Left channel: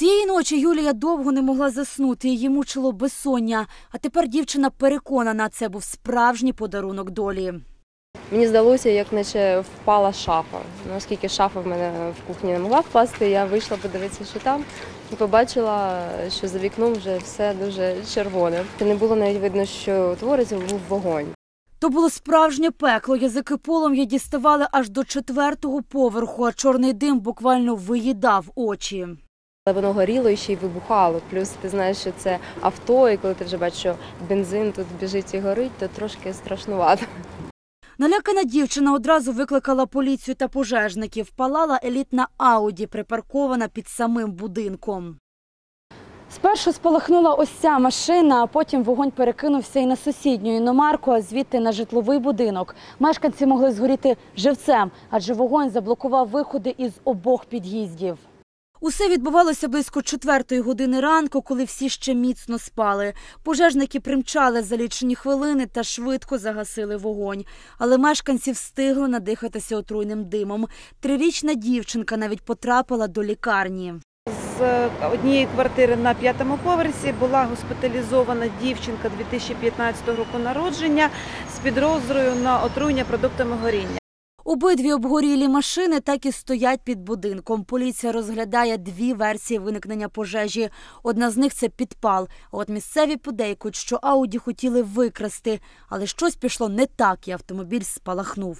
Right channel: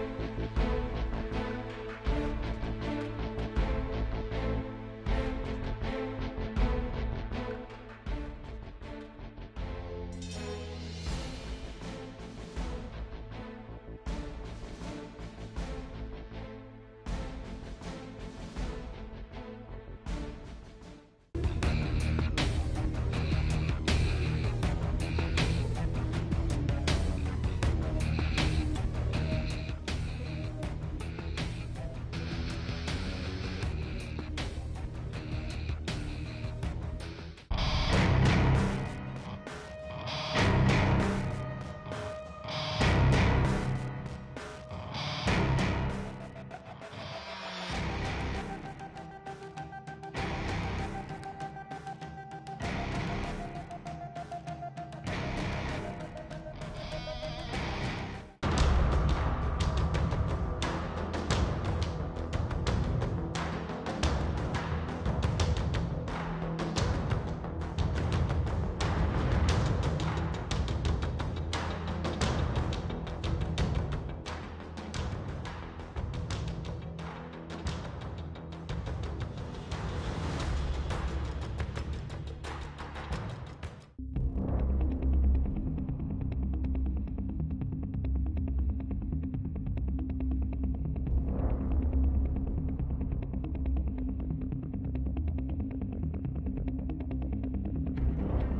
Цієї ночі Юлія довго не могла заснути, її мучило безсоння. А тепер дівчина переконана, це був справжній подарунок долі. Мені здалося, як наче впала шафа. Оскільки шафа в мене в кухні не могла впасти, я вийшла подивитися, що там, і побачила, що за вікном вже все дуже червоне. Не було навіть видно, що твориться, був вогонь. То було справжнє пекло. Язики полум'я діставали аж до четвертого поверху, а чорний дим буквально виїдав очі. Але воно горіло і ще й вибухало. Плюс ти знаєш, що це авто, і коли ти вже бачиш, що бензин тут біжить і горить, то трошки страшнувато. Налякана дівчина одразу викликала поліцію та пожежників. Палала елітна ауді, припаркована під самим будинком. Спершу спалахнула ось ця машина, а потім вогонь перекинувся і на сусідню іномарку, а звідти на житловий будинок. Мешканці могли згоріти живцем, адже вогонь заблокував виходи із обох під'їздів. Усе відбувалося близько четвертої години ранку, коли всі ще міцно спали. Пожежники примчали за лічені хвилини та швидко загасили вогонь. Але мешканці встигли надихатися отруйним димом. Трирічна дівчинка навіть потрапила до лікарні. З однієї квартири на п'ятому поверсі була госпіталізована дівчинка 2015 року народження з підозрою на отруєння продуктами горіння. Обидві обгорілі машини так і стоять під будинком. Поліція розглядає дві версії виникнення пожежі. Одна з них це підпал. От місцеві подейкують, що ауді хотіли викрасти, але щось пішло не так, і автомобіль спалахнув.